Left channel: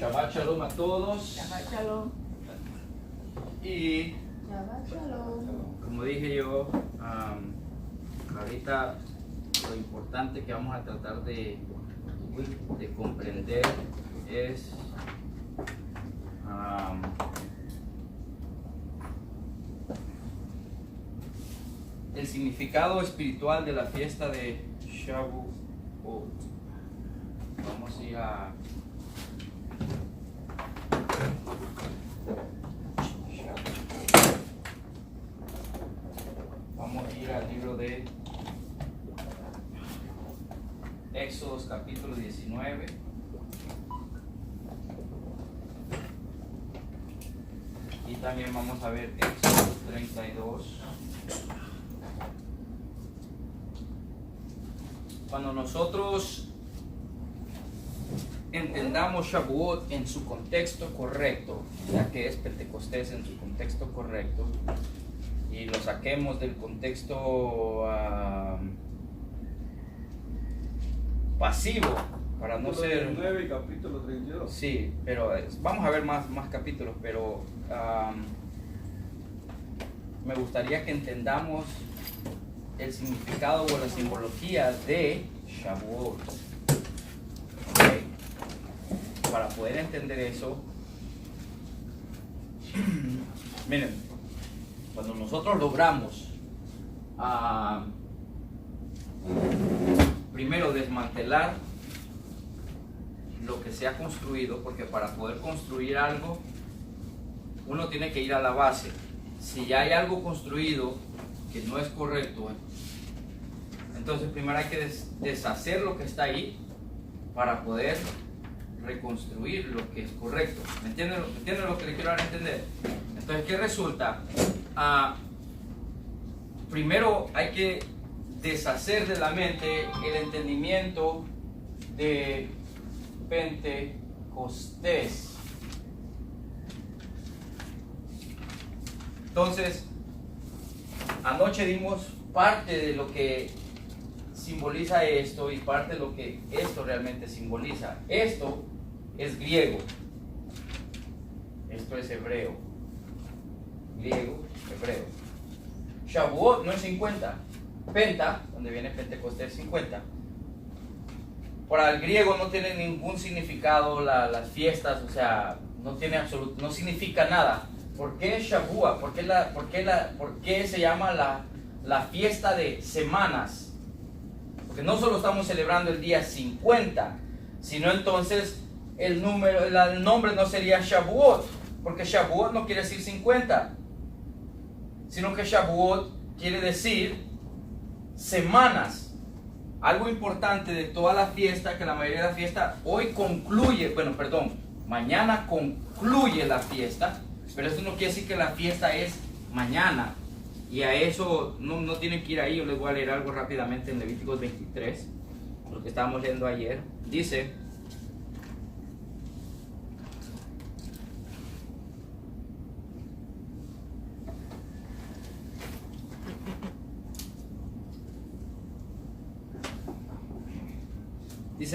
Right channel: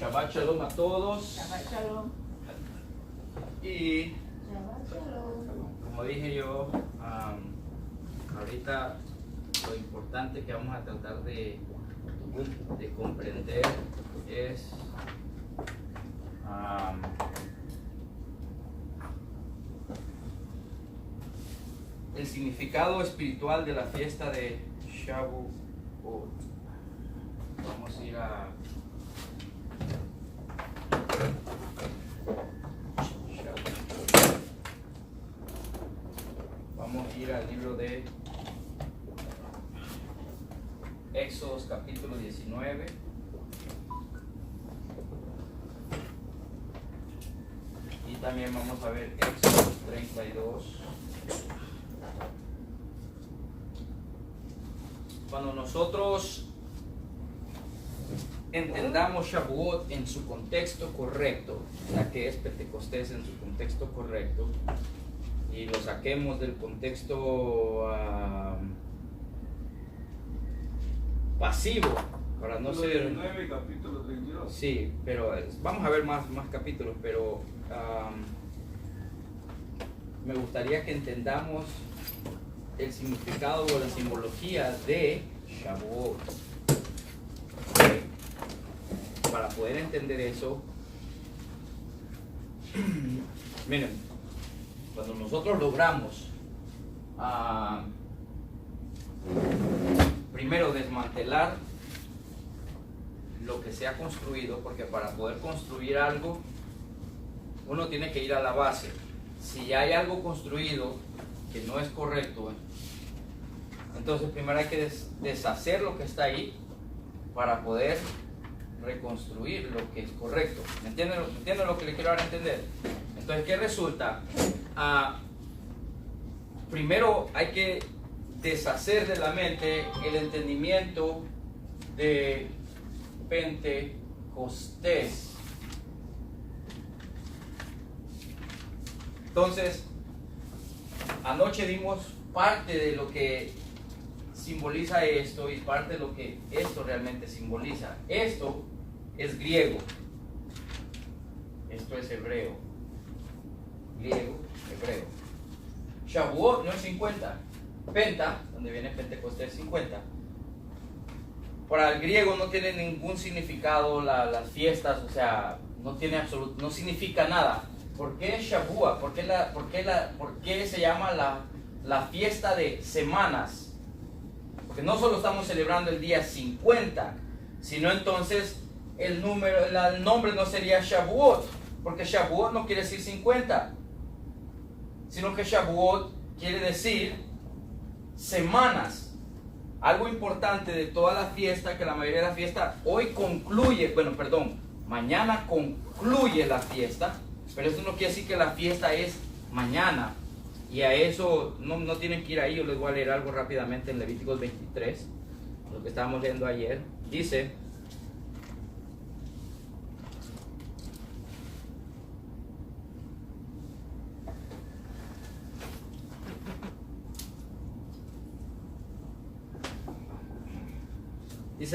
Shabbat Shalom a todos. Shabbat Shalom. Y Shabbat Shalom. como dije yo, ahorita lo importante que vamos a tratar de comprender es el significado espiritual de la fiesta de Shavuot. Vamos a ir a al libro de Éxodos capítulo 19. Y también vamos a ver Éxodos 32. Cuando nosotros entendamos Shavuot en su contexto correcto, ya que es Pentecostés en su contexto correcto, y lo saquemos del contexto pasivo, para no ser... 9, capítulo 32. Sí, pero vamos a ver más capítulos, pero me gustaría que entendamos el significado o la simbología de Shavuot. ¿Okay? Para poder entender eso, miren, cuando nosotros logramos primero desmantelar lo que se ha construido, porque para poder construir algo uno tiene que ir a la base. Si ya hay algo construido que no es correcto, entonces primero hay que deshacer lo que está ahí para poder reconstruir lo que es correcto. ¿Me entienden lo que le quiero dar a entender? Entonces, ¿qué resulta? Primero hay que deshacer de la mente el entendimiento de Pentecostés. Entonces, anoche dimos parte de lo que simboliza esto y parte de lo que esto realmente simboliza. Esto es griego, esto es hebreo, griego, hebreo. Shavuot no es 50, Penta, donde viene Pentecostés, 50. Para el griego no tiene ningún significado las fiestas, o sea, no significa nada. ¿Por qué Shavuot? ¿Por qué se llama la fiesta de semanas? Porque no solo estamos celebrando el día 50, sino entonces el nombre no sería Shavuot, porque Shavuot no quiere decir 50, sino que Shavuot quiere decir semanas. Algo importante de toda la fiesta, que la mayoría de la fiesta hoy mañana concluye la fiesta, pero eso no quiere decir que la fiesta es mañana. Y a eso no tienen que ir ahí. Yo les voy a leer algo rápidamente en Levíticos 23, lo que estábamos leyendo ayer. Dice:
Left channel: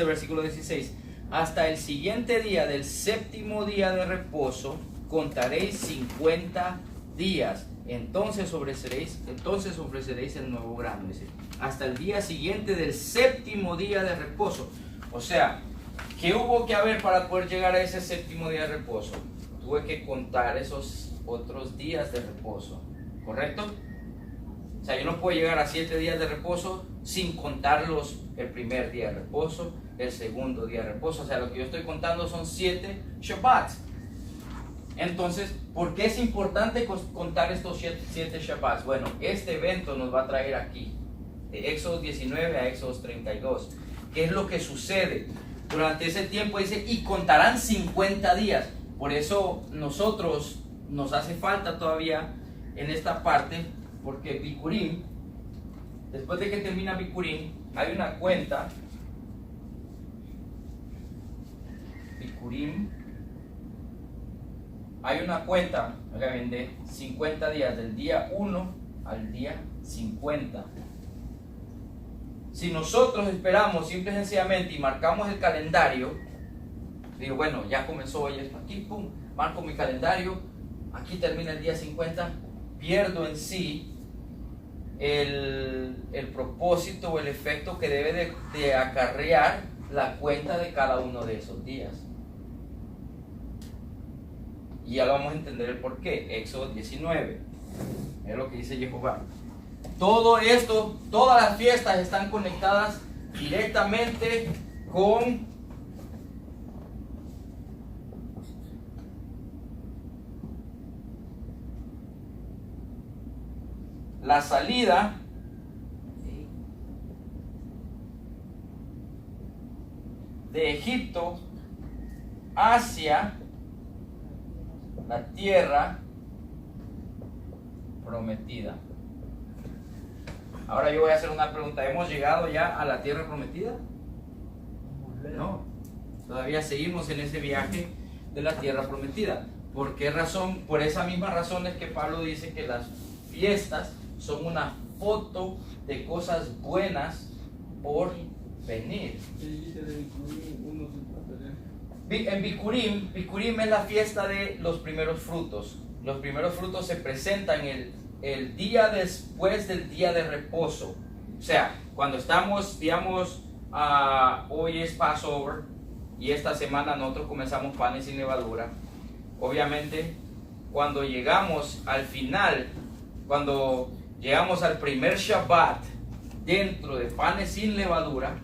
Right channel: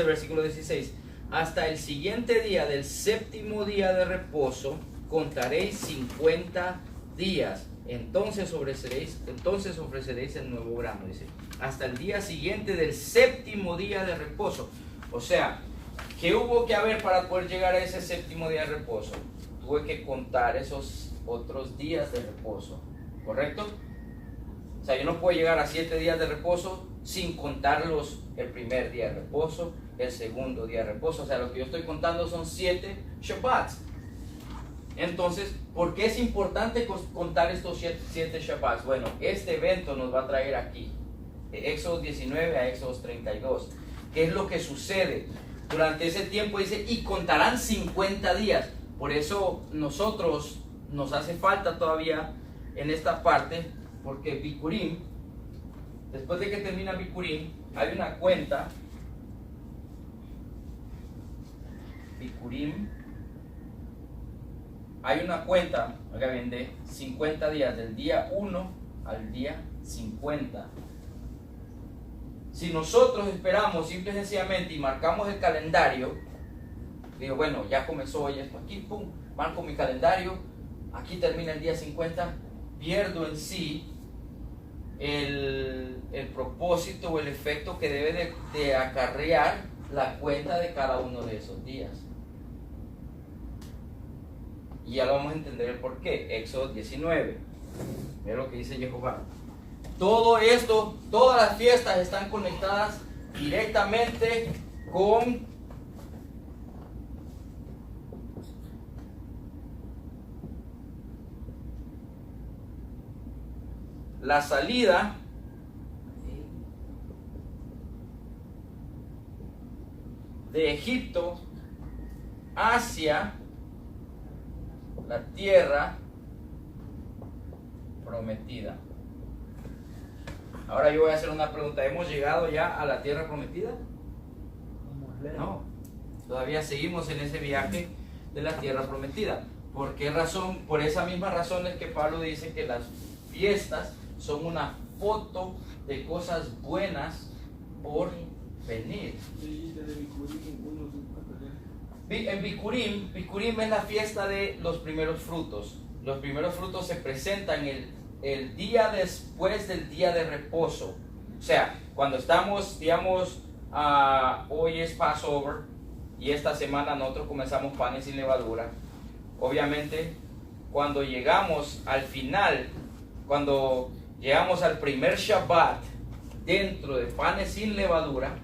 versículo 16: hasta el siguiente día del séptimo día de reposo contaréis 50 días. Entonces ofreceréis el nuevo grano. Dice, hasta el día siguiente del séptimo día de reposo. O sea, ¿qué hubo que haber para poder llegar a ese séptimo día de reposo? Tuve que contar esos otros días de reposo, ¿correcto? O sea, yo no puedo llegar a 7 días de reposo sin contarlos el primer día de reposo, el segundo día de reposo. O sea, lo que yo estoy contando son 7 Shabbats. Entonces, ¿por qué es importante contar estos 7 Shabbats? Bueno, este evento nos va a traer aquí, de Éxodo 19 a Éxodo 32. ¿Qué es lo que sucede? Durante ese tiempo dice, y contarán 50 días. Por eso nosotros nos hace falta todavía en esta parte, porque Bikurim, después de que termina Bikurim, hay una cuenta, Bikurim, hay una cuenta, oiga bien, de 50 días, del día 1 al día 50. Si nosotros esperamos simple y sencillamente y marcamos el calendario, Digo, bueno, ya comenzó hoy esto aquí, pum, marco mi calendario, aquí termina el día 50, pierdo en sí el propósito o el efecto que debe de acarrear la cuenta de cada uno de esos días. Y ya lo vamos a entender el por qué. Éxodo 19. Mira lo que dice Jehová. Todo esto, todas las fiestas están conectadas directamente con la salida de Egipto hacia la tierra prometida. Ahora yo voy a hacer una pregunta. ¿Hemos llegado ya a la tierra prometida? No. Todavía seguimos en ese viaje de la tierra prometida. ¿Por qué razón? Por esa misma razón es que Pablo dice que las fiestas son una foto de cosas buenas por venir. En Bikurim es la fiesta de los primeros frutos. Los primeros frutos se presentan el día después del día de reposo. O sea, cuando estamos, digamos, hoy es Passover y esta semana nosotros comenzamos panes sin levadura. Obviamente, cuando llegamos al final, cuando llegamos al primer Shabbat dentro de panes sin levadura,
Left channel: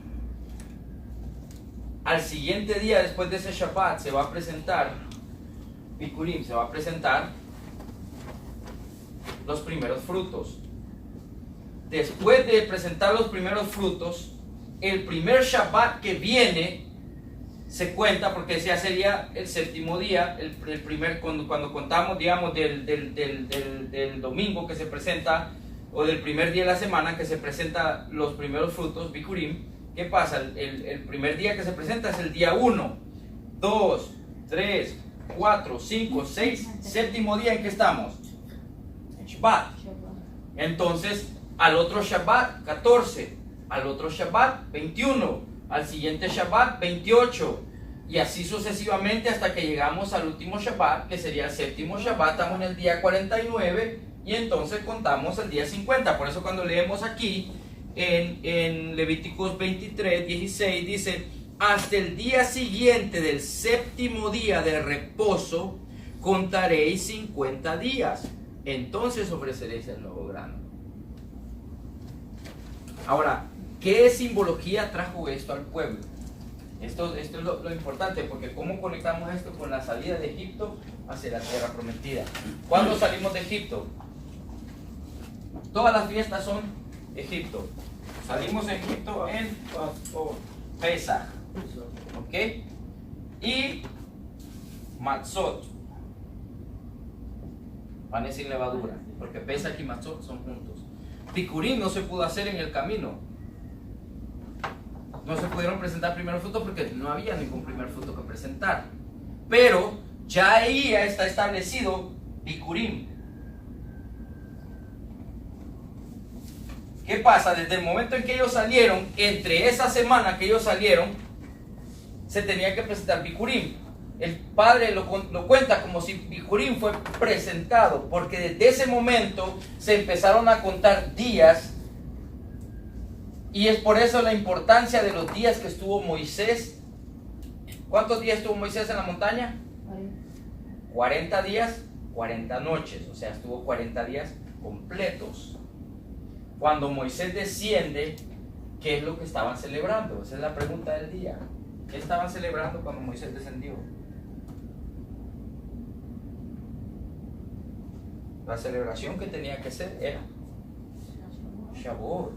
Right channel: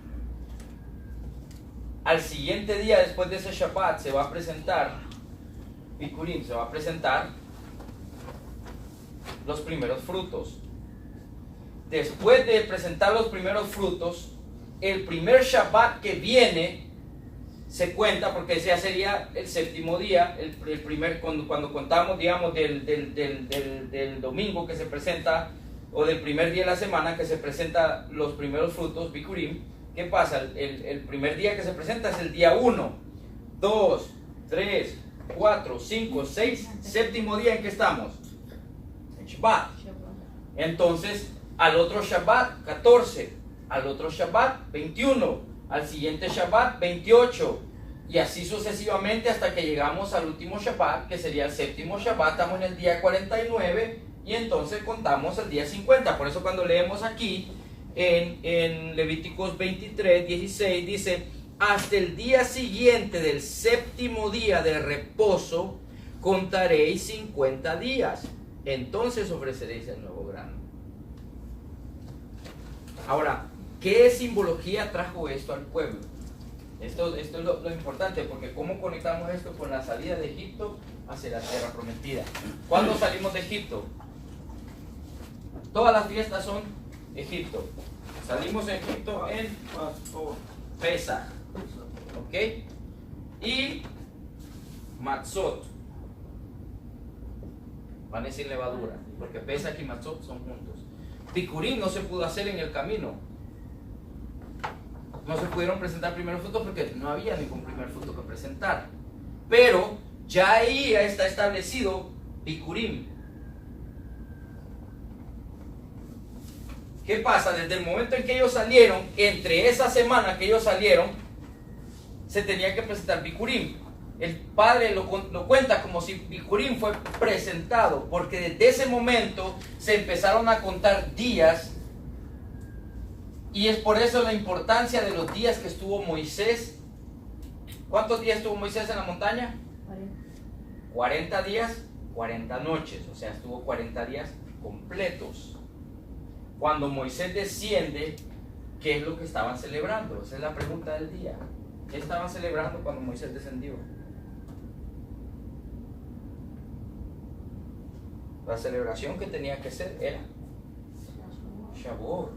al siguiente día después de ese Shabbat se va a presentar Bikurim, se va a presentar los primeros frutos. Después de presentar los primeros frutos, el primer Shabbat que viene se cuenta, porque ya sería el séptimo día, el primer, cuando contamos, digamos, del domingo que se presenta, o del primer día de la semana que se presenta los primeros frutos, Bikurim. ¿Qué pasa? El primer día que se presenta es el día 1, 2, 3, 4, 5, 6, séptimo día en que estamos, en Shabbat. Entonces, al otro Shabbat, 14, al otro Shabbat, 21, al siguiente Shabbat, 28, y así sucesivamente hasta que llegamos al último Shabbat, que sería el séptimo Shabbat. Estamos en el día 49, y entonces contamos el día 50. Por eso cuando leemos aquí, en Levíticos 23, 16, dice: hasta el día siguiente del séptimo día de reposo contaréis 50 días, entonces ofreceréis el nuevo grano. Ahora, ¿qué simbología trajo esto al pueblo? Esto es lo importante, porque ¿cómo conectamos esto con la salida de Egipto hacia la tierra prometida? ¿Cuándo salimos de Egipto? Todas las fiestas son Egipto. Salimos de Egipto en Pesach, ¿ok? Y Matzot, panes sin levadura, porque Pesach y Matzot son juntos. Bikurim no se pudo hacer en el camino. No se pudieron presentar primeros frutos porque no había ningún primer fruto que presentar. Pero ya ahí está establecido Bikurim. ¿Qué pasa? Desde el momento en que ellos salieron, entre esa semana que ellos salieron, se tenía que presentar Bikurim. El padre lo cuenta como si Bikurim fue presentado, porque desde ese momento se empezaron a contar días, y es por eso la importancia de los días que estuvo Moisés. ¿Cuántos días estuvo Moisés en la montaña? 40 días, 40 noches, o sea, estuvo 40 días completos. Cuando Moisés desciende, ¿qué es lo que estaban celebrando? Esa es la pregunta del día. ¿Qué estaban celebrando cuando Moisés descendió? La celebración que tenía que ser era Shavuot.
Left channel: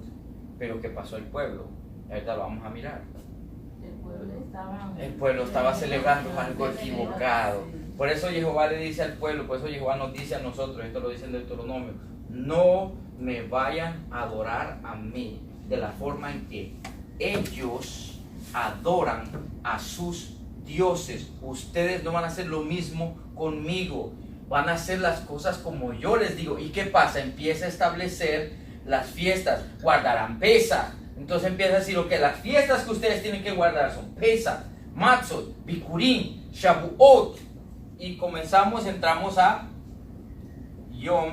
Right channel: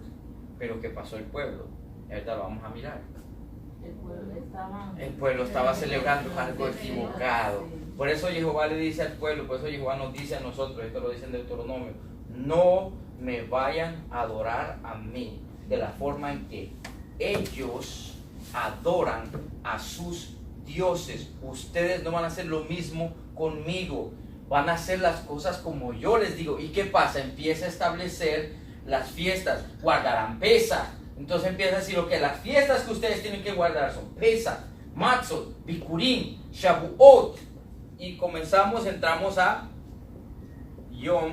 Pero ¿qué pasó el pueblo? Ahorita lo vamos a mirar. El pueblo estaba celebrando algo equivocado. Por eso Jehová le dice al pueblo, por eso Jehová nos dice a nosotros, esto lo dice en Deuteronomio: no me vayan a adorar a mí de la forma en que ellos adoran a sus dioses. Ustedes no van a hacer lo mismo conmigo, van a hacer las cosas como yo les digo. ¿Y qué pasa? Empieza a establecer las fiestas, guardarán Pesach. Entonces empieza a decir: ok, las fiestas que ustedes tienen que guardar son Pesach, Matzot, Bikurim, Shavuot. Y entramos a Yom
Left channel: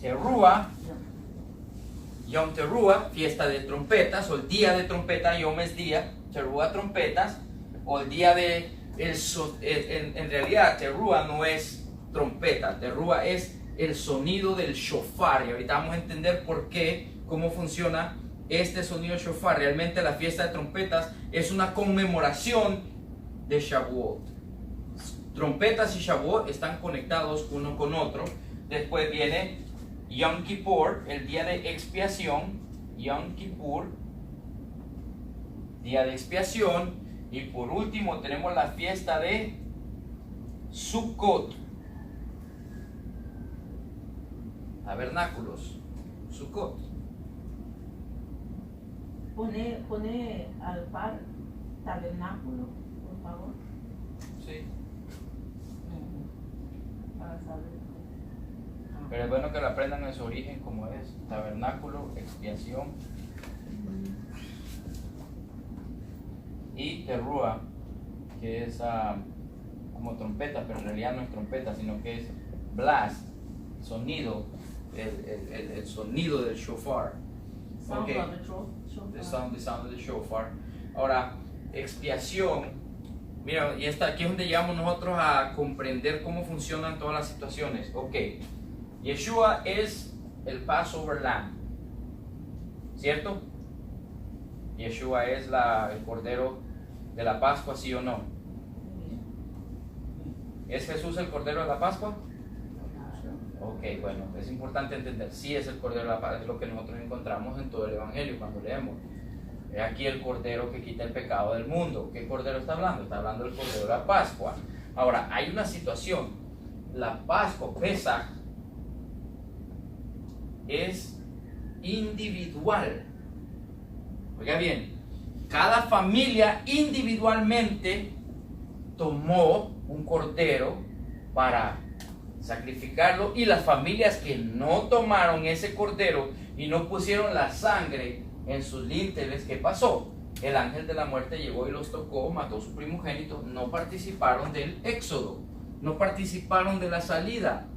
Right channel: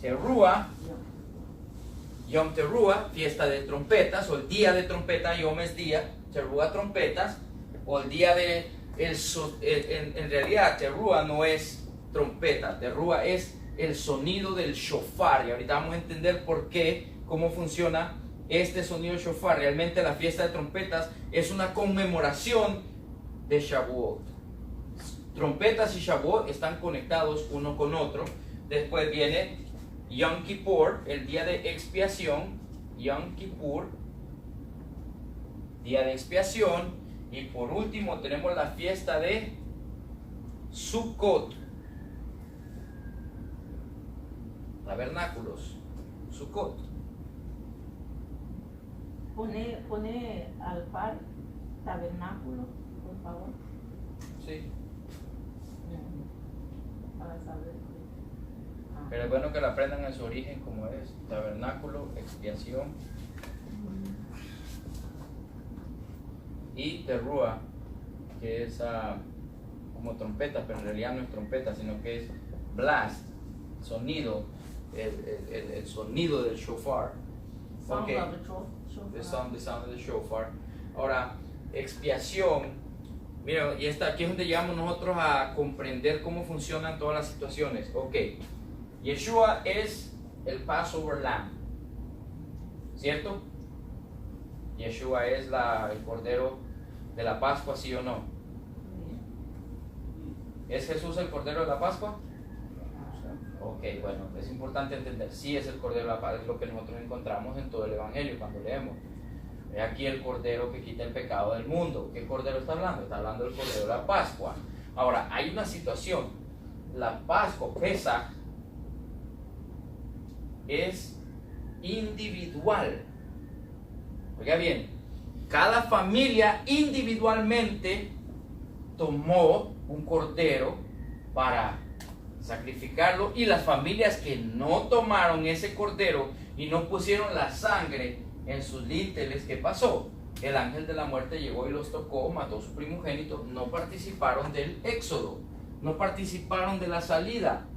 Teruah. Yom Teruah, fiesta de trompetas, o el día de trompeta. Yom es día, Teruah trompetas, o el día de... en realidad Teruah no es trompeta, Teruah es el sonido del shofar. Y ahorita vamos a entender por qué, cómo funciona este sonido del shofar. Realmente la fiesta de trompetas es una conmemoración de Shavuot. Trompetas y Shavuot están conectados uno con otro. Después viene Yom Kippur, el día de expiación. Yom Kippur, día de expiación. Y por último tenemos la fiesta de Sukkot, tabernáculos, Sukkot. Pone al par tabernáculo, por favor, Sí. para saber. Pero es bueno que lo aprendan en su origen como es. Tabernáculo, expiación. Y Teruah, que es como trompeta, pero en realidad no es trompeta, sino que es blast, sonido, el sonido del shofar. Sound Okay. of the shofar. The sound of the shofar. Ahora, expiación. Mira, y aquí es donde llegamos nosotros a comprender cómo funcionan todas las situaciones. Ok, Yeshua es el Passover Lamb, ¿cierto? Yeshua es el Cordero de la Pascua, ¿sí o no? ¿Es Jesús el Cordero de la Pascua? Ok, bueno, es importante entender, sí es el Cordero de la Pascua, es lo que nosotros encontramos en todo el Evangelio cuando leemos. Es aquí el Cordero que quita el pecado del mundo. ¿Qué Cordero está hablando? Está hablando del Cordero de la Pascua. Ahora, hay una situación. La Pascua, Pesaj, es individual. Oiga bien, cada familia individualmente tomó un cordero para sacrificarlo, y las familias que no tomaron ese cordero y no pusieron la sangre en sus linteles, ¿qué pasó? El ángel de la muerte llegó y los tocó, mató a su primogénito, no participaron del éxodo, no participaron de la salida.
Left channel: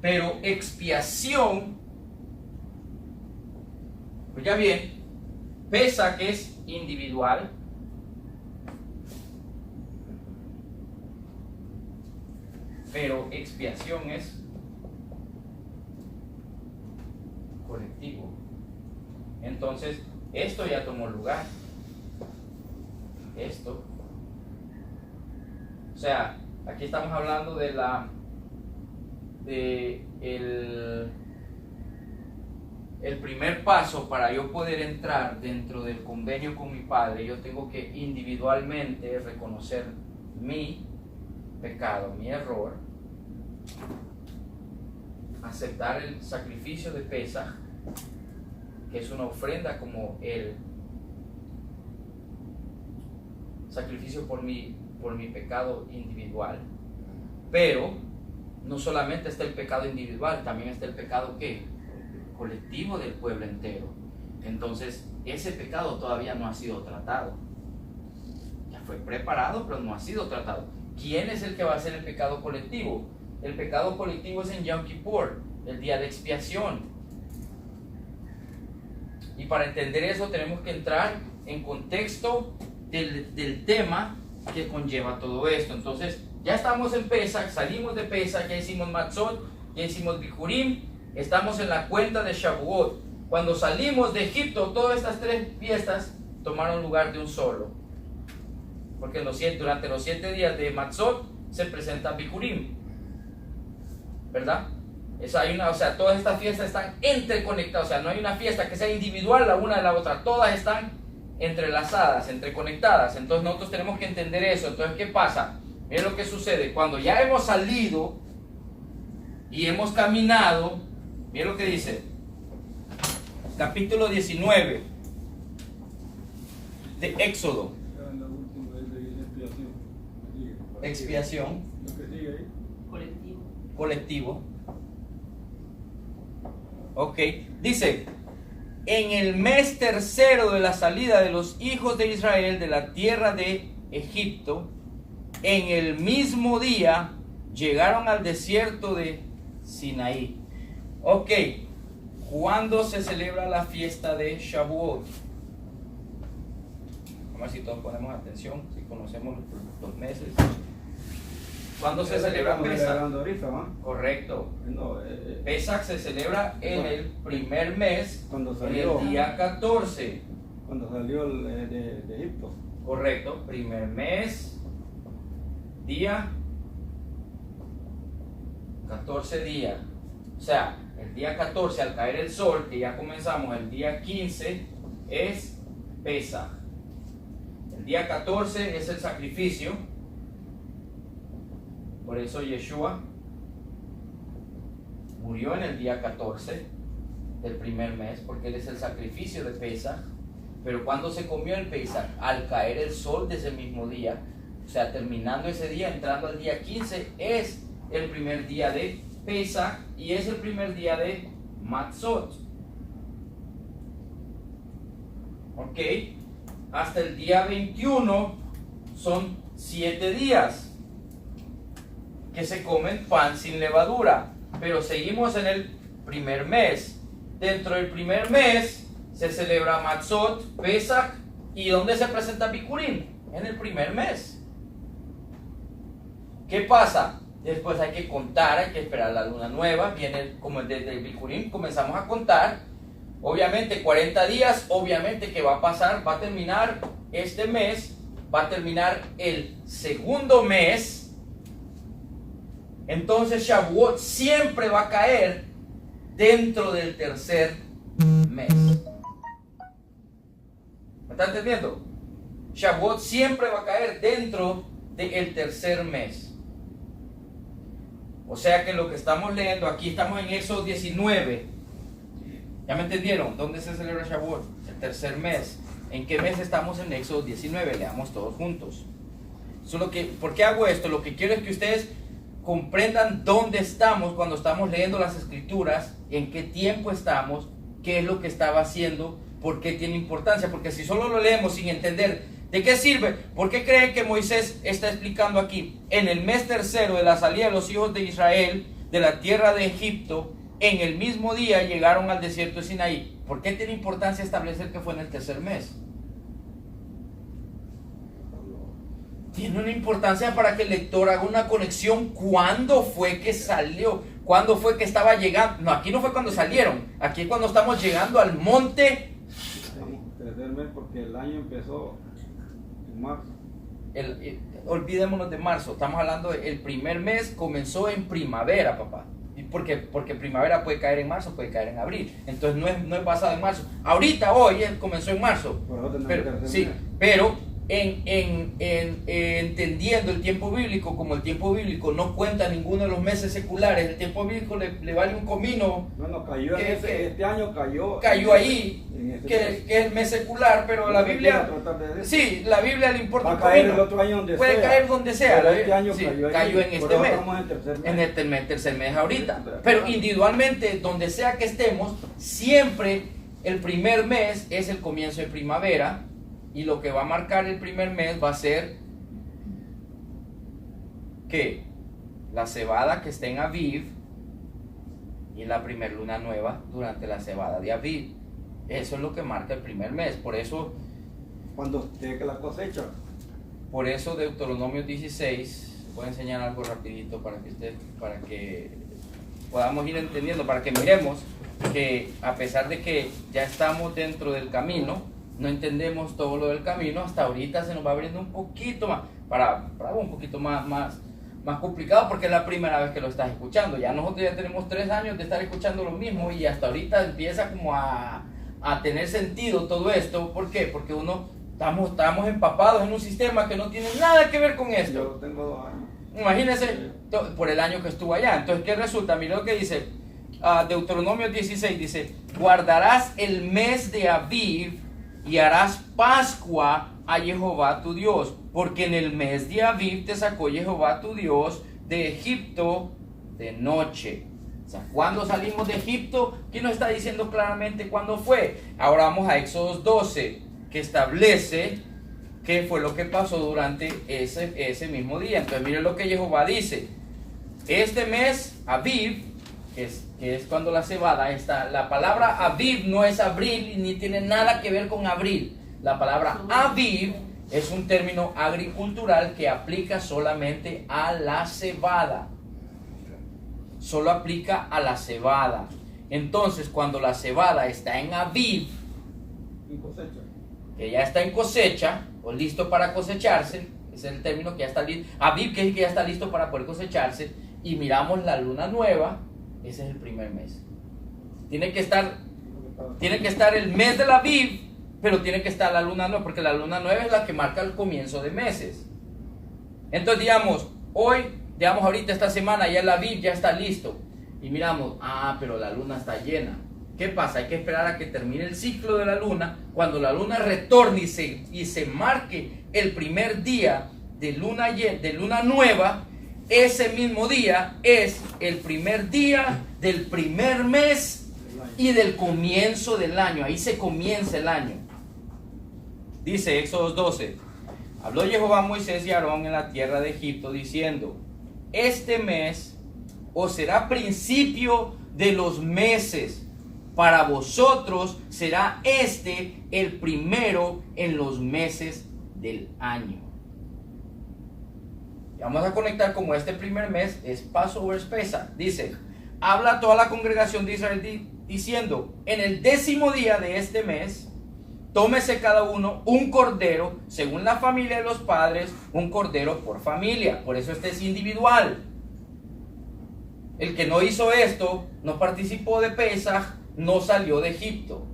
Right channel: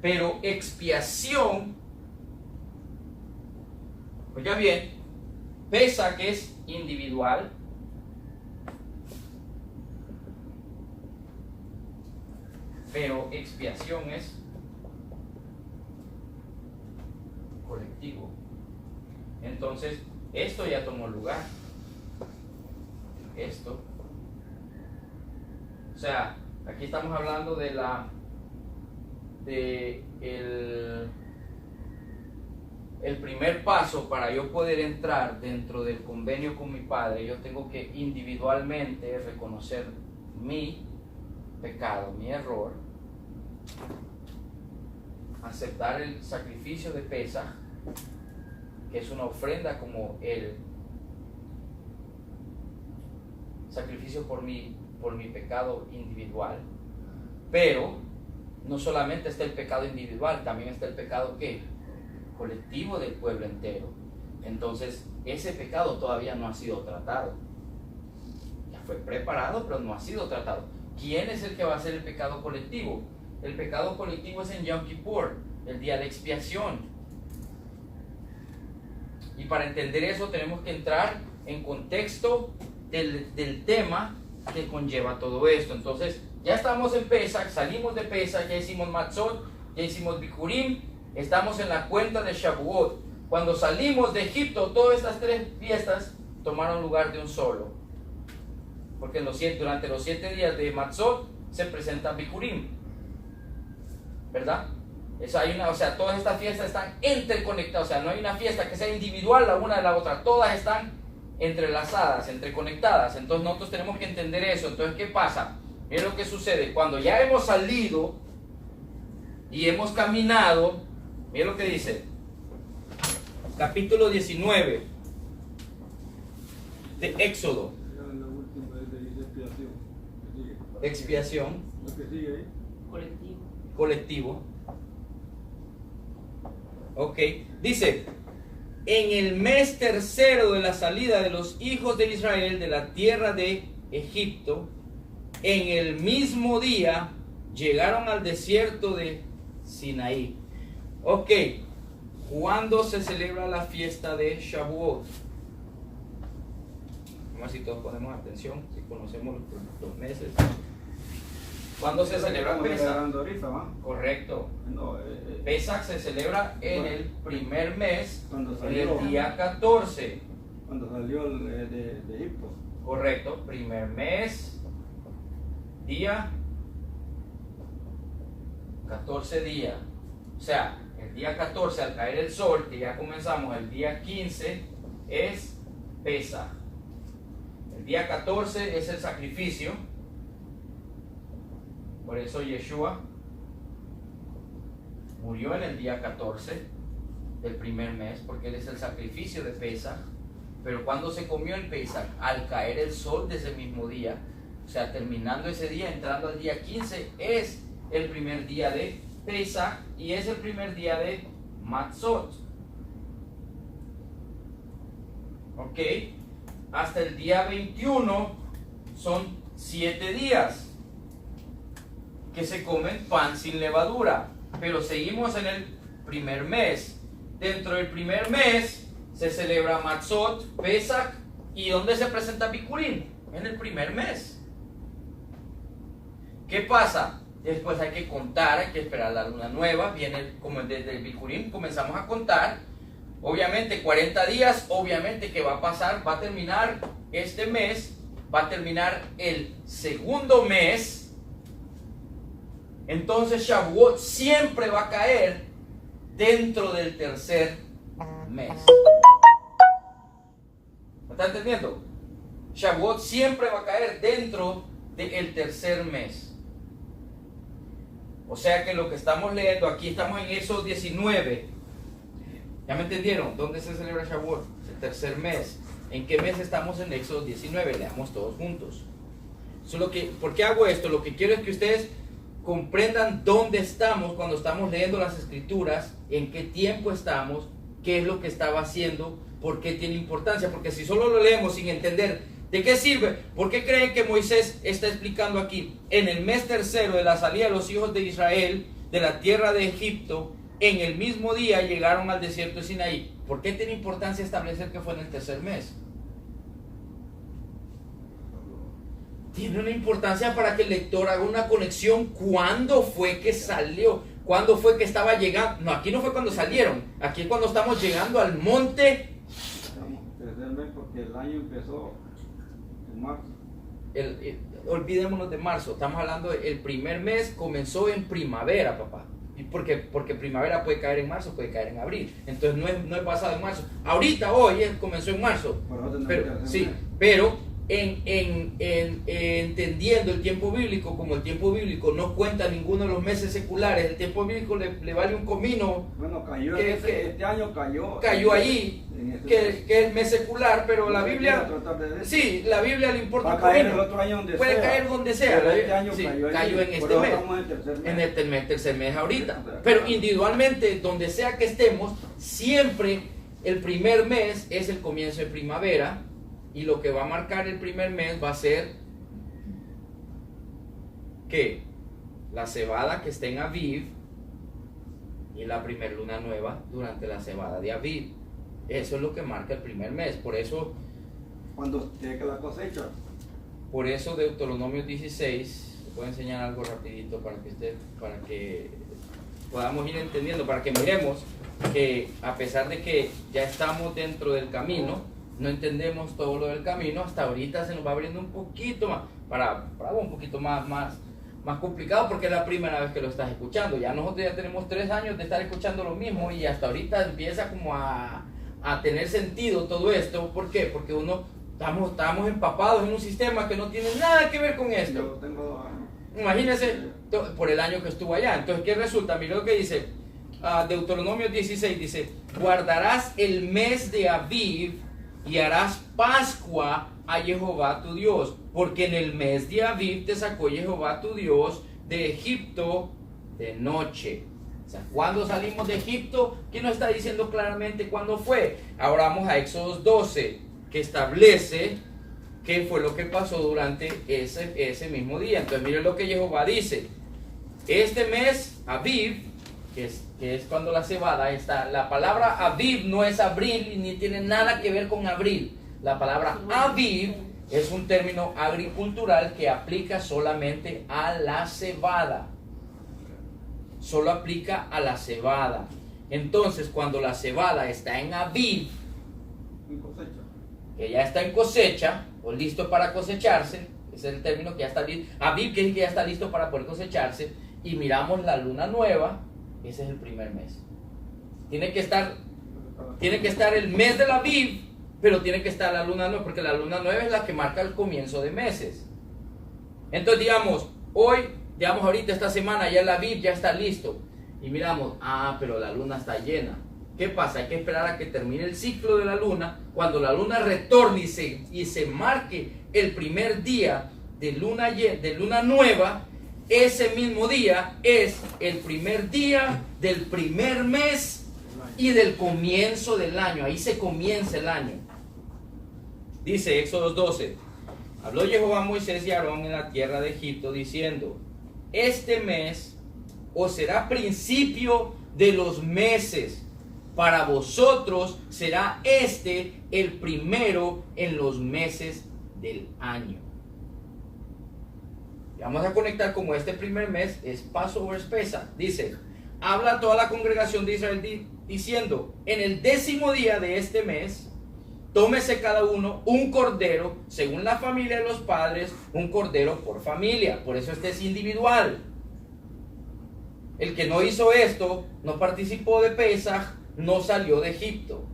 Pero expiación, oiga bien, Pesaj que es individual, pero expiación es colectivo. Entonces, esto ya tomó lugar. Esto. O sea, aquí estamos hablando de el primer paso para yo poder entrar dentro del convenio con mi Padre. Yo tengo que individualmente reconocer mi pecado, mi error, aceptar el sacrificio de Pesaj, que es una ofrenda como el sacrificio por mi pecado individual. Pero no solamente está el pecado individual, también está el pecado ¿qué? Colectivo del pueblo entero. Entonces ese pecado todavía no ha sido tratado. Ya fue preparado, pero no ha sido tratado. ¿Quién es el que va a hacer el pecado colectivo? El pecado colectivo es en Yom Kippur, el día de expiación. Y para entender eso tenemos que entrar en contexto del tema que conlleva todo esto. Entonces, ya estamos en Pesaj, salimos de Pesaj, ya hicimos Matzot, ya hicimos Bikurim, estamos en la cuenta de Shavuot. Cuando salimos de Egipto, todas estas tres fiestas tomaron lugar de un solo. Porque durante los 7 días de Matzot se presenta Bikurim, ¿verdad? O sea, todas estas fiestas están interconectadas. O sea, no hay una fiesta que sea individual la una de la otra. Todas están entrelazadas, interconectadas. Entonces nosotros tenemos que entender eso. Entonces, ¿qué pasa? Miren lo que sucede. Cuando ya hemos salido y hemos caminado, miren lo que dice. Capítulo 19 de Éxodo. Expiación. Colectivo. Ok, dice, en el mes tercero de la salida de los hijos de Israel de la tierra de Egipto, en el mismo día llegaron al desierto de Sinaí. Ok, ¿cuándo se celebra la fiesta de Shavuot? Vamos a ver si todos ponemos atención, si conocemos los meses. ¿Cuándo se celebra Pesach? Correcto. Pesach se celebra en el primer mes, en el día 14. Cuando salió de Egipto. Correcto, primer mes, día 14 días. O sea, el día 14 al caer el sol, que ya comenzamos el día 15, es Pesach. El día 14 es el sacrificio. Por eso Yeshua murió en el día 14 del primer mes, porque él es el sacrificio de Pesach. Pero cuando se comió el Pesach, al caer el sol de ese mismo día, o sea, terminando ese día, entrando al día 15, es el primer día de Pesach y es el primer día de Matzot. Ok, hasta el día 21 son 7 días que se comen pan sin levadura, pero seguimos en el primer mes. Dentro del primer mes se celebra Matzot, Pesach, ¿y dónde se presenta Bikurim? En el primer mes. ¿Qué pasa? Después hay que contar, hay que esperar la luna nueva, viene como desde el Bikurim, comenzamos a contar, obviamente 40 días, obviamente que va a pasar, va a terminar este mes, va a terminar el segundo mes. Entonces Shavuot siempre va a caer dentro del tercer mes. ¿Me está entendiendo? Shavuot siempre va a caer dentro del tercer mes. O sea que lo que estamos leyendo aquí, estamos en Éxodo 19. ¿Ya me entendieron? ¿Dónde se celebra Shavuot? El tercer mes. ¿En qué mes estamos en Éxodo 19? Leamos todos juntos. ¿Por qué hago esto? Lo que quiero es que ustedes comprendan dónde estamos cuando estamos leyendo las escrituras, en qué tiempo estamos, qué es lo que estaba haciendo, por qué tiene importancia. Porque si solo lo leemos sin entender de qué sirve, ¿por qué creen que Moisés está explicando aquí? En el mes tercero de la salida de los hijos de Israel de la tierra de Egipto, en el mismo día llegaron al desierto de Sinaí. ¿Por qué tiene importancia establecer que fue en el tercer mes? Tiene una importancia para que el lector haga una conexión. ¿Cuándo fue que salió? ¿Cuándo fue que estaba llegando? No, aquí no fue cuando salieron. Aquí es cuando estamos llegando al monte. Tercer mes porque el año empezó en marzo. Olvidémonos de marzo. Estamos hablando del primer mes. Comenzó en primavera, papá. Porque primavera puede caer en marzo, puede caer en abril. Entonces no es basado en marzo. Ahorita, hoy, comenzó en marzo. Pero entendiendo el tiempo bíblico, como el tiempo bíblico no cuenta ninguno de los meses seculares, el tiempo bíblico le vale un comino. Bueno, cayó este año cayó allí, que es el mes secular, pero la Biblia, sí, la Biblia le importa un comino. Puede caer donde sea. Este año sí, cayó en este mes, en el tercer mes ahorita. Pero individualmente, donde sea que estemos, siempre el primer mes es el comienzo de primavera. Y lo que va a marcar el primer mes va a ser que la cebada que esté en Aviv y la primer luna nueva durante la cebada de Aviv. Eso es lo que marca el primer mes. Por eso, cuando llegue la cosecha. Por eso Deuteronomio 16, les voy a enseñar algo rapidito para que podamos ir entendiendo, para que miremos que a pesar de que ya estamos dentro del camino, no entendemos todo lo del camino. Hasta ahorita se nos va abriendo un poquito más, para un poquito más complicado, porque es la primera vez que lo estás escuchando. Ya nosotros ya tenemos 3 años de estar escuchando lo mismo y hasta ahorita empieza como a tener sentido todo esto. ¿Por qué? Porque estamos empapados en un sistema que no tiene nada que ver con esto. Yo tengo 2 años. Imagínense por el año que estuvo allá. Entonces, ¿qué resulta? Mira lo que dice Deuteronomio 16, dice: guardarás el mes de Aviv y harás Pascua a Jehová tu Dios, porque en el mes de Aviv te sacó Jehová tu Dios de Egipto de noche. O sea, ¿cuándo salimos de Egipto? ¿Quién nos está diciendo claramente cuándo fue? Ahora vamos a Éxodo 12, que establece qué fue lo que pasó durante ese mismo día. Entonces miren lo que Jehová dice. Este mes, Aviv, que es cuando la cebada está, la palabra Aviv no es abril y ni tiene nada que ver con abril. La palabra Aviv es un término agricultural que aplica solamente a la cebada. Solo aplica a la cebada. Entonces, cuando la cebada está en Aviv, que ya está en cosecha, o listo para cosecharse, ese es el término que ya está listo. Aviv, que es que ya está listo para poder cosecharse, y miramos la luna nueva, ese es el primer mes. Tiene que estar el mes de la Aviv, pero tiene que estar la luna nueva, porque la luna nueva es la que marca el comienzo de meses. Entonces, digamos, ahorita esta semana ya el Aviv ya está listo. Y miramos, pero la luna está llena. ¿Qué pasa? Hay que esperar a que termine el ciclo de la luna. Cuando la luna retorne y se marque el primer día de luna nueva, ese mismo día es el primer día del primer mes y del comienzo del año. Ahí se comienza el año. Dice Éxodo 12. Habló Jehová a Moisés y a Aarón en la tierra de Egipto diciendo: este mes os será principio de los meses. Para vosotros será este el primero en los meses del año. Y vamos a conectar como este primer mes es Passover Pesach. Dice: habla toda la congregación de Israel diciendo: en el 10º día de este mes, tómese cada uno un cordero, según la familia de los padres, un cordero por familia. Por eso este es individual. El que no hizo esto, no participó de Pesaj, no salió de Egipto.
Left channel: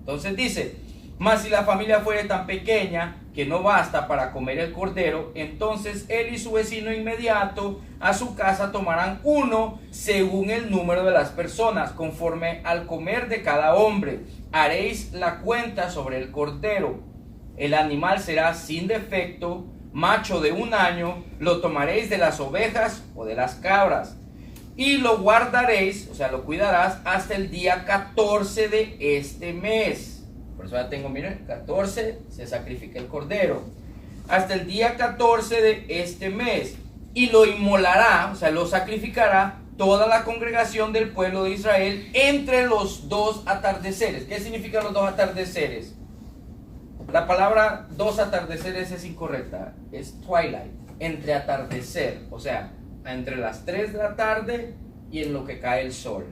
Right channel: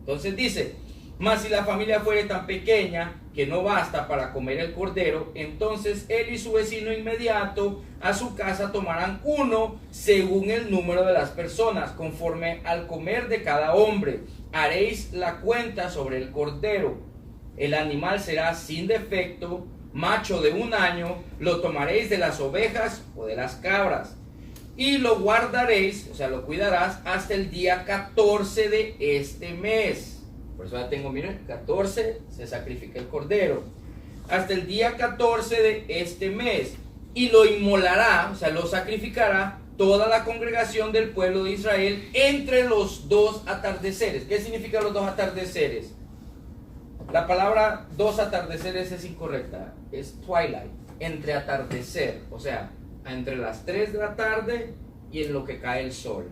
Entonces dice: mas si la familia fuere tan pequeña que no basta para comer el cordero, entonces él y su vecino inmediato a su casa tomarán uno según el número de las personas, conforme al comer de cada hombre. Haréis la cuenta sobre el cordero. El animal será sin defecto, macho de 1 año, lo tomaréis de las ovejas o de las cabras. Y lo guardaréis, o sea, lo cuidarás hasta el día 14 de este mes. Por eso ya tengo, miren, 14 se sacrifica el cordero. Hasta el día 14 de este mes. Y lo inmolará, o sea, lo sacrificará toda la congregación del pueblo de Israel entre los 2 atardeceres. ¿Qué significan los 2 atardeceres? La palabra 2 atardeceres es incorrecta. Es twilight, entre atardecer, o sea, entre las 3 de la tarde y en lo que cae el sol.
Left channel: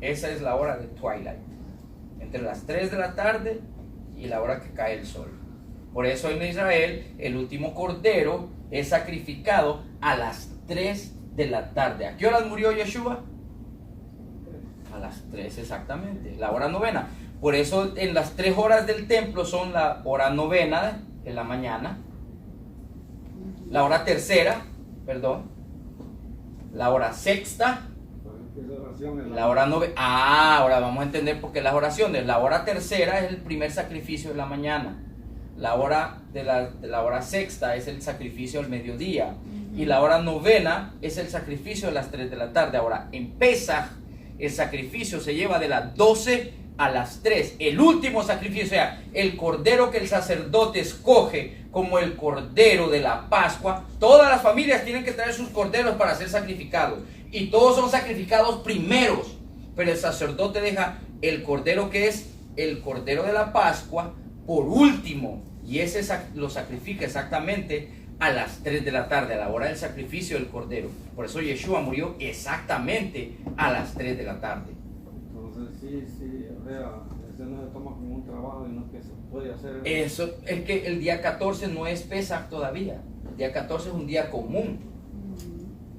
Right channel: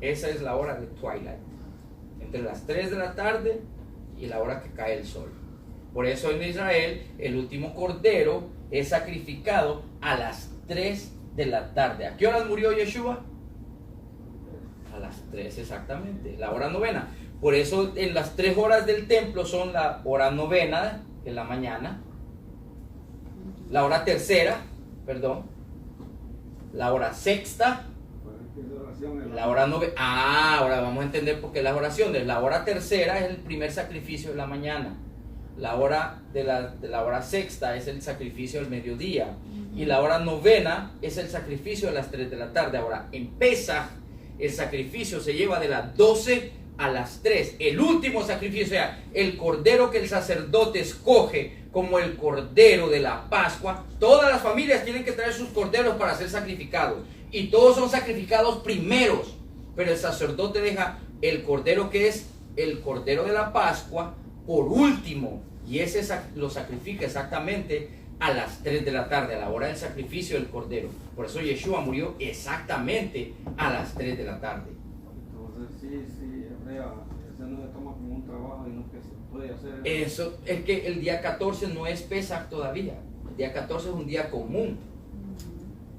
Esa es la hora de twilight, entre las 3 de la tarde y la hora que cae el sol. Por eso en Israel el último cordero es sacrificado a las 3 de la tarde. ¿A qué horas murió Yeshua? A las 3 exactamente, la hora novena. Por eso en las 3 horas del templo son la hora novena en la mañana, la hora tercera, la hora sexta, la hora novena. Ahora vamos a entender por qué las oraciones. La hora tercera es el primer sacrificio de la mañana. La hora de la hora sexta es el sacrificio del mediodía. Y la hora novena es el sacrificio de las 3 de la tarde. Ahora, en Pesaj, el sacrificio se lleva de las 12 a las 3. El último sacrificio, o sea, el cordero que el sacerdote escoge como el cordero de la Pascua. Todas las familias tienen que traer sus corderos para ser sacrificados. Y todos son sacrificados primeros. Pero el sacerdote deja el cordero que es el cordero de la Pascua por último. Y ese lo sacrifica exactamente a las 3 de la tarde, a la hora del sacrificio del cordero. Por eso Yeshua murió exactamente a las 3 de la tarde. Entonces sí, o sea, eso no se toma como un trabajo y no que se puede hacer. Eso es que el día 14 no es Pesaj todavía. El día 14 es un día común,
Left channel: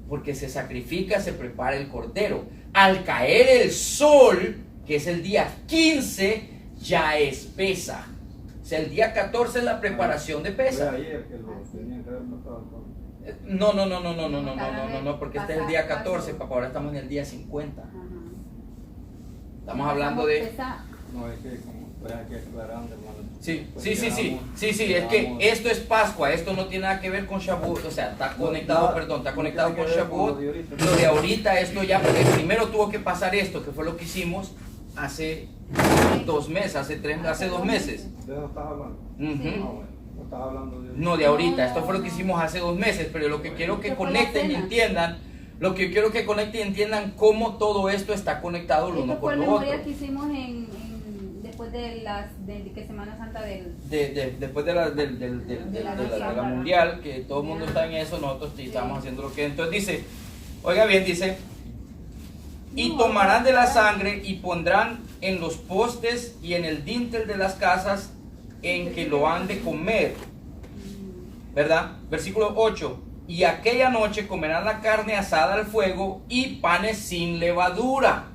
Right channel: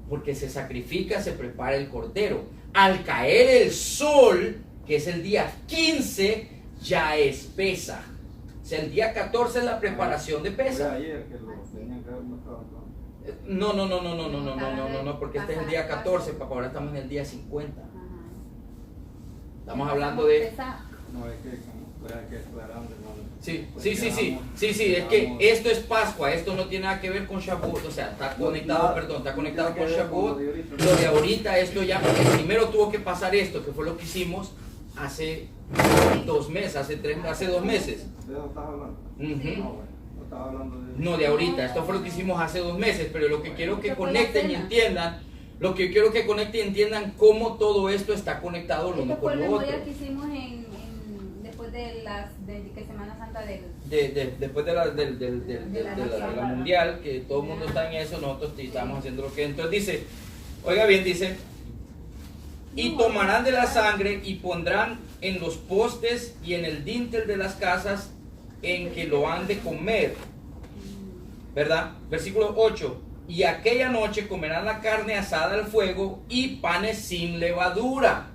porque se sacrifica, se prepara el cordero. Al caer el sol, que es el día 15, ya es Pesaj. O sea, el día 14 es la preparación de Pesaj. Ayer que lo tenían que haber matado. No, porque este es el día 14, papá, ahora estamos en el día 50. Estamos hablando de... No, es que como estoy aquí aclarando, hermano. Sí, Pues sí, sí, sí, quedamos- sí, sí, es que esto es Pascua, esto no tiene nada que ver con Shavuot, o sea, está conectado, perdón, está conectado con Shavuot. Lo de ahorita, esto ya, porque primero tuvo que pasar esto, que fue lo que hicimos hace 2 meses, hace 2 meses. ¿De eso estás hablando? Ujú. Ah, bueno, no estás hablando de... No de ahorita, esto fue lo que hicimos hace 2 meses, pero lo que quiero que conecten y entiendan, lo que quiero que conecten y entiendan cómo todo esto está conectado lo Esto uno fue con el lo otro. memorial que hicimos después de que Semana Santa del... Después de la mundial, que todo el mundo está en eso, nosotros estamos haciendo lo que... Entonces dice, oiga bien, dice, y tomarán de la sangre y pondrán en los postes y en el dintel de las casas en que lo han de comer. ¿Verdad? Versículo 8. Y aquella noche comerán la carne asada al fuego y panes sin levadura.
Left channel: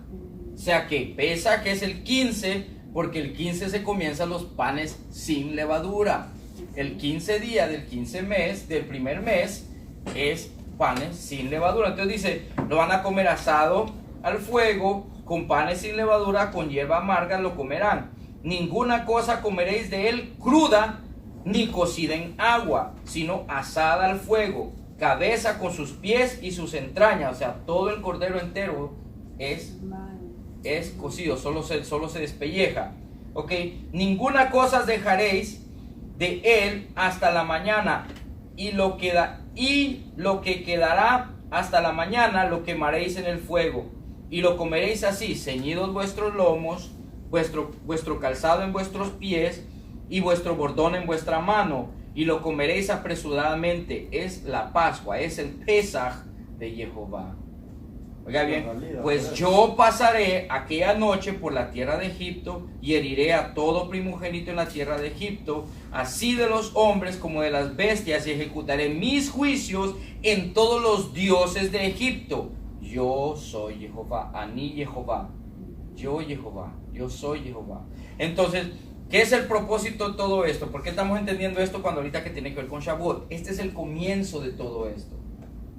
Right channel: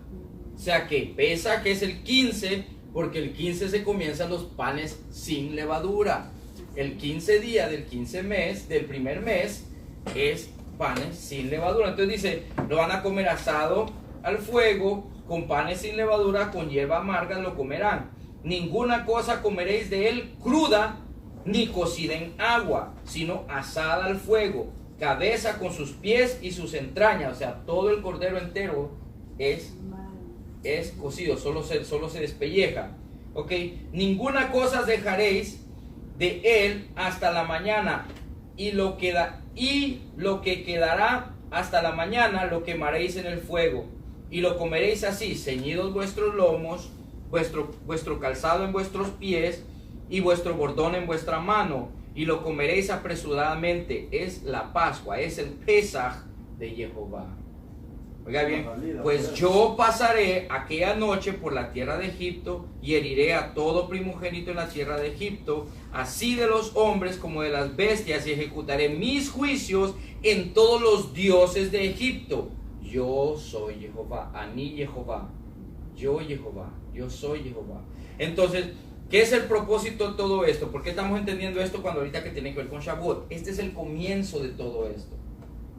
O sea que pesa que es el 15, porque el 15 se comienzan los panes sin levadura. El 15 día del 15 mes, del primer mes, es panes sin levadura. Entonces dice, lo van a comer asado al fuego, con panes sin levadura, con hierba amarga lo comerán. Ninguna cosa comeréis de él cruda, ni cocida en agua, sino asada al fuego, cabeza con sus pies y sus entrañas. O sea, todo el cordero entero es cocido, solo se despelleja. Ok, ninguna cosa dejaréis de él hasta la mañana, y lo que quedará hasta la mañana lo quemaréis en el fuego, y lo comeréis así, ceñidos vuestros lomos, vuestro calzado en vuestros pies, y vuestro bordón en vuestra mano, y lo comeréis apresuradamente. Es la Pascua, es el Pesaj de Jehová. Oiga bien, pues yo pasaré aquella noche por la tierra de Egipto y heriré a todo primogénito en la tierra de Egipto, así de los hombres como de las bestias, y ejecutaré mis juicios en todos los dioses de Egipto. Yo soy Jehová, Ani Jehová, yo Jehová, yo soy Jehová. Entonces, ¿qué es el propósito de todo esto? ¿Por qué estamos entendiendo esto cuando ahorita que tiene que ver con Shavuot? Este es el comienzo de todo esto.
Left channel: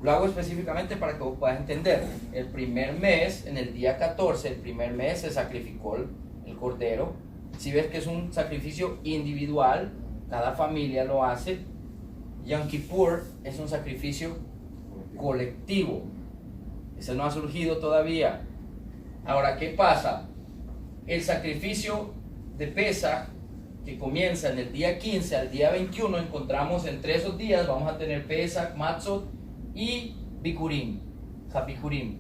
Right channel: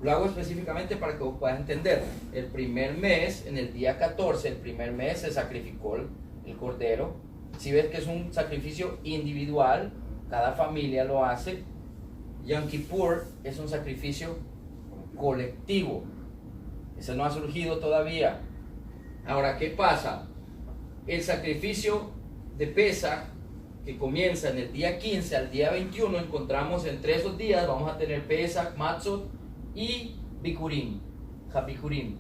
Lo hago específicamente para que vos puedas entender. El primer mes, en el día 14, el primer mes se sacrificó el cordero. Si ves que es un sacrificio individual, cada familia lo hace. Yom Kippur es un sacrificio colectivo. Ese no ha surgido todavía. Ahora, ¿qué pasa? El sacrificio de Pesaj, que comienza en el día 15 al día 21, encontramos entre esos días, vamos a tener Pesaj, Matzot y Bikurim, Habikurim,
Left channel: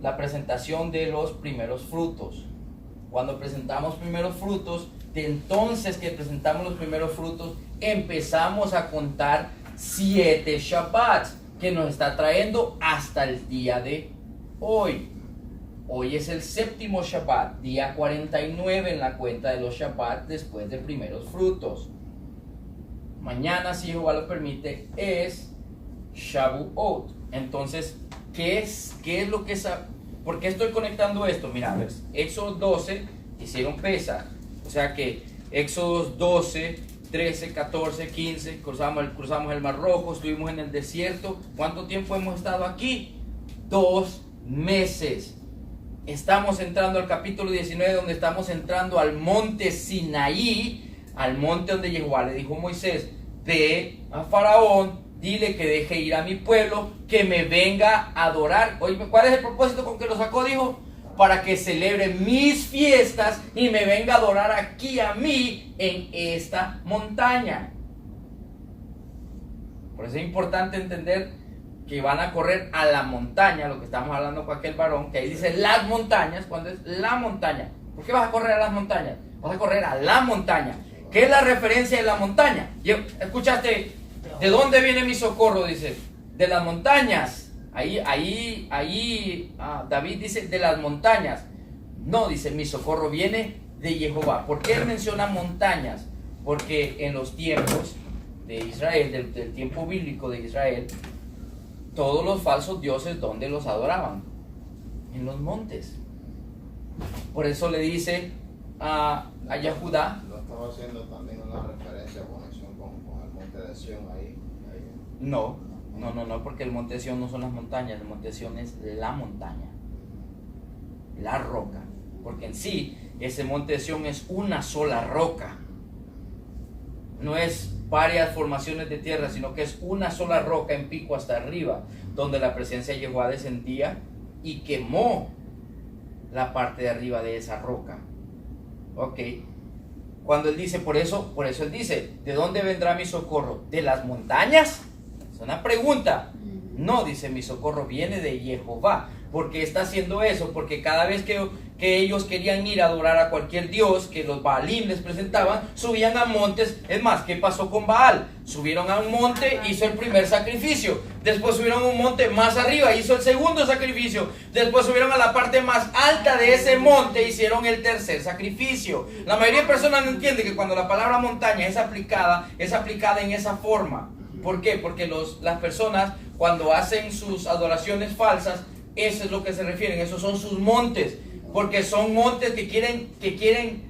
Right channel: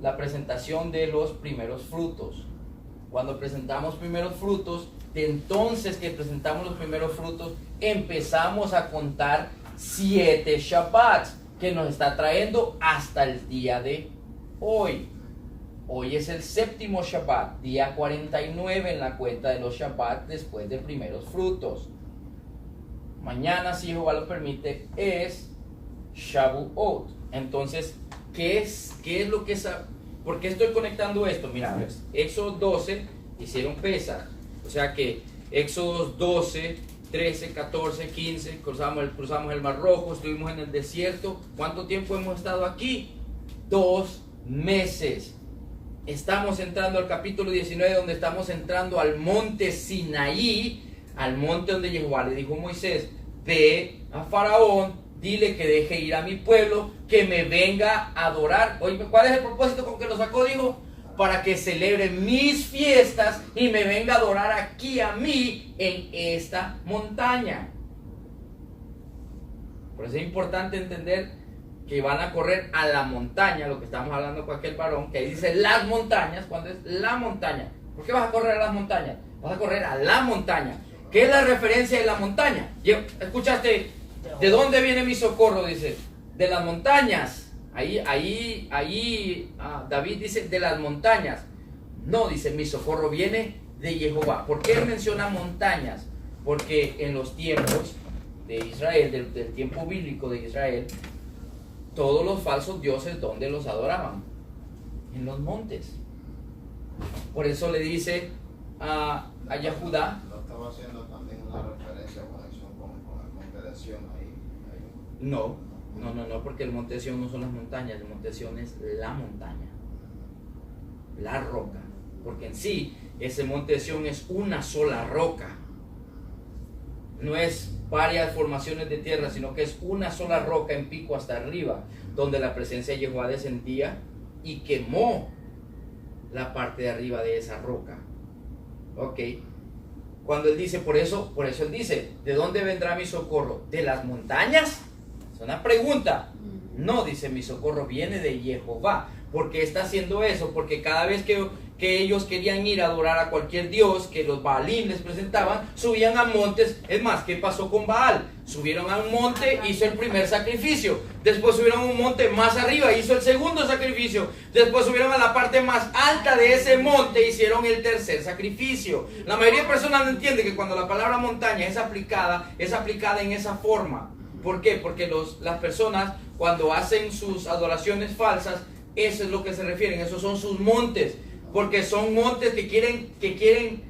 la presentación de los primeros frutos. Cuando presentamos primeros frutos, de entonces que presentamos los primeros frutos, empezamos a contar 7 Shabbats, que nos está trayendo hasta el día de hoy. Hoy es el 7º Shabbat, día 49 en la cuenta de los Shabbat después de primeros frutos. Mañana, si Jehová lo permite, es Shavuot. Entonces, ¿qué es lo que es? ¿Por qué estoy conectando esto? Mira, ves, Éxodo 12 hicieron Pesaj. O sea que Éxodo 12, 13, 14, 15, cruzamos el Mar Rojo, estuvimos en el desierto. ¿Cuánto tiempo hemos estado aquí? 2 meses. Estamos entrando al capítulo 19, donde estamos entrando al monte Sinaí, al monte donde Jehová le dijo a Moisés: ve a Faraón, dile que deje ir a mi pueblo, que me venga a adorar. Oye, ¿cuál es el propósito con que lo sacó? Dijo, para que celebre mis fiestas y me venga a adorar aquí a mí en esta montaña. Por eso es importante entender que van a correr a la montaña, lo que estamos hablando con aquel varón, que ahí dice las montañas, cuando es la montaña. ¿Por qué vas a correr a las montañas? Vas a correr a la montaña. ¿Qué es la referencia de la montaña? ¿Escuchaste? ¿De dónde viene mi socorro? Dice, de las montañas. Ahí David dice, de las montañas. No, dice, mi socorro viene de Jehová. ¿Por qué él menciona montañas? Porque en los tiempos de Israel, del tiempo bíblico de Israel, todos los falsos dioses, ¿dónde los adoraban? En los montes. Por eso le dice a Yahudá. ¿No estaba haciendo también una referencia o conexión con el monte de Sión ahí? No, porque el monte de Sión no son las montañas, el monte de Sión es la montaña, la roca. porque en sí ese monte de Sión es una sola roca. No es varias formaciones de tierra, sino que es una sola roca en pico hasta arriba, donde la presencia de Jehová descendía y quemó la parte de arriba de esa roca. Ok. Cuando él dice, por eso él dice, ¿de dónde vendrá mi socorro? ¿De las montañas? Es una pregunta. No, dice, mi socorro viene de Jehová. ¿Por qué está haciendo eso? Porque cada vez que ellos querían ir a adorar a cualquier dios que los Baalim les presentaban, subían a montes. Es más, ¿qué pasó con Baal? Subieron a un monte, hizo el primer sacrificio. Después subieron a un monte más arriba, hizo el segundo sacrificio. Después subieron a la parte más alta de ese monte, hicieron el tercer sacrificio. La mayoría de personas no entiende que cuando la palabra montaña es aplicada en esa forma. ¿Por qué? Porque las personas cuando hacen sus adoraciones falsas, eso es lo que se refieren, esos son sus montes, porque son montes que quieren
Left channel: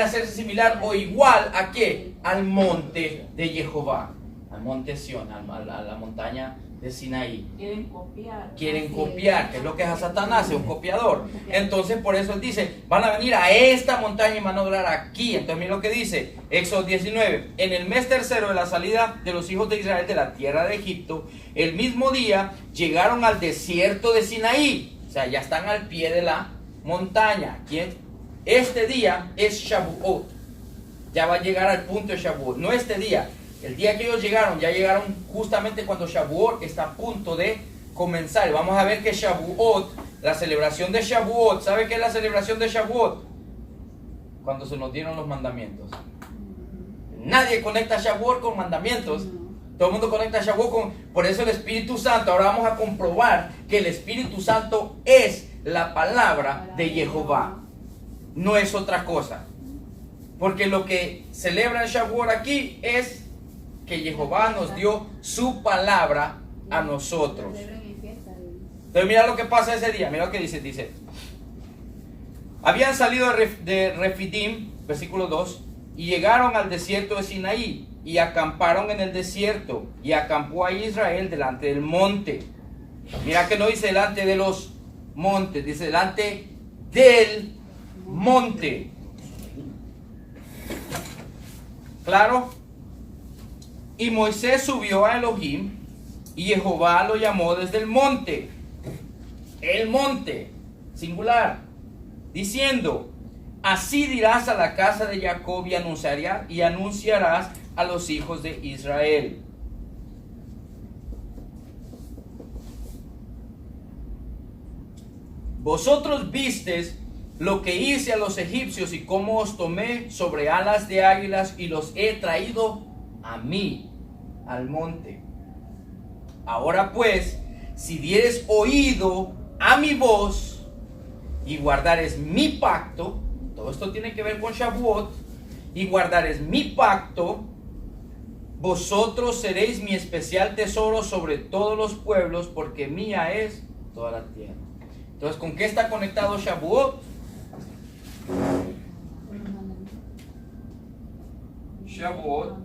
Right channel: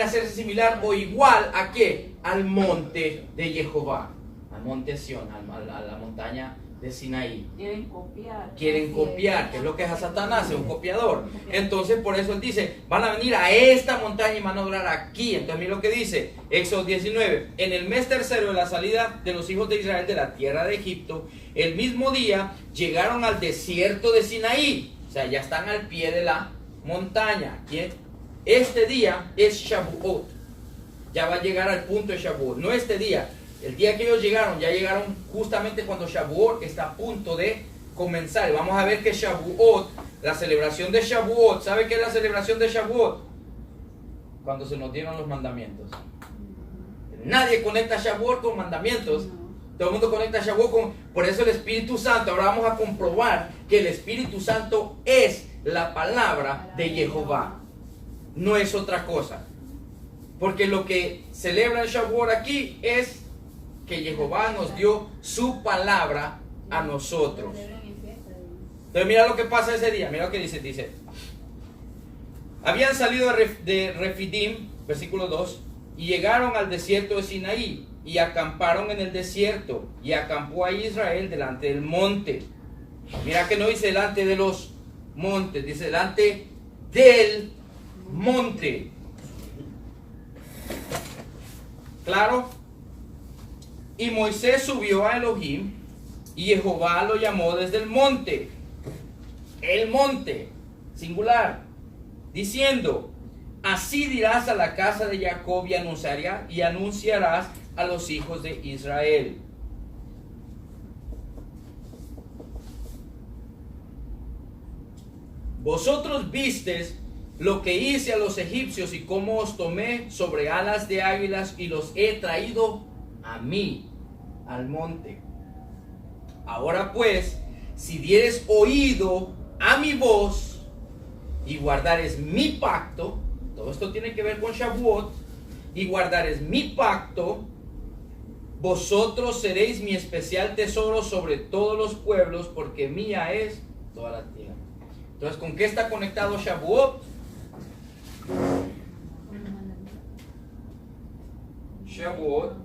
hacerse similar o igual a ¿qué? Al monte de Jehová, al monte Sión, a la montaña de Sinaí. Quieren copiar, que es lo que es a Satanás, es un copiador. Entonces por eso él dice, van a venir a esta montaña y van a adorar aquí. Entonces mira lo que dice, Éxodo 19, en el mes tercero de la salida de los hijos de Israel de la tierra de Egipto, el mismo día llegaron al desierto de Sinaí. O sea, ya están al pie de la montaña. Este día es Shavuot. Ya va a llegar al punto de Shavuot. No este día. El día que ellos llegaron, ya llegaron justamente cuando Shavuot está a punto de comenzar. Vamos a ver que Shavuot, la celebración de Shavuot, ¿sabe qué es la celebración de Shavuot? Cuando se nos dieron los mandamientos. Nadie conecta Shavuot con mandamientos. Todo el mundo conecta Shavuot con... Por eso el Espíritu Santo, ahora vamos a comprobar que el Espíritu Santo es la palabra de Jehová. No es otra cosa. Porque lo que celebra el Shavuot aquí es que Jehová nos dio su palabra a nosotros. Entonces mira lo que pasa ese día, mira lo que dice, habían salido de Refidim, versículo 2, y llegaron al desierto de Sinaí, y acamparon en el desierto, y acampó ahí Israel delante del monte. Mira que no dice delante de los montes, dice delante del monte. ¿Claro? Y Moisés subió a Elohim y Jehová lo llamó desde el monte, singular, diciendo, así dirás a la casa de Jacob y anunciarás a los hijos de Israel. Vosotros vistes lo que hice a los egipcios y cómo os tomé sobre alas de águilas y los he traído a mí, al monte. Ahora pues, si dieres oído a mi voz y guardares mi pacto, todo esto tiene que ver con Shavuot, y guardares mi pacto, vosotros seréis mi especial tesoro sobre todos los pueblos, porque mía es toda la tierra. Entonces, ¿con qué está conectado Shavuot? Shavuot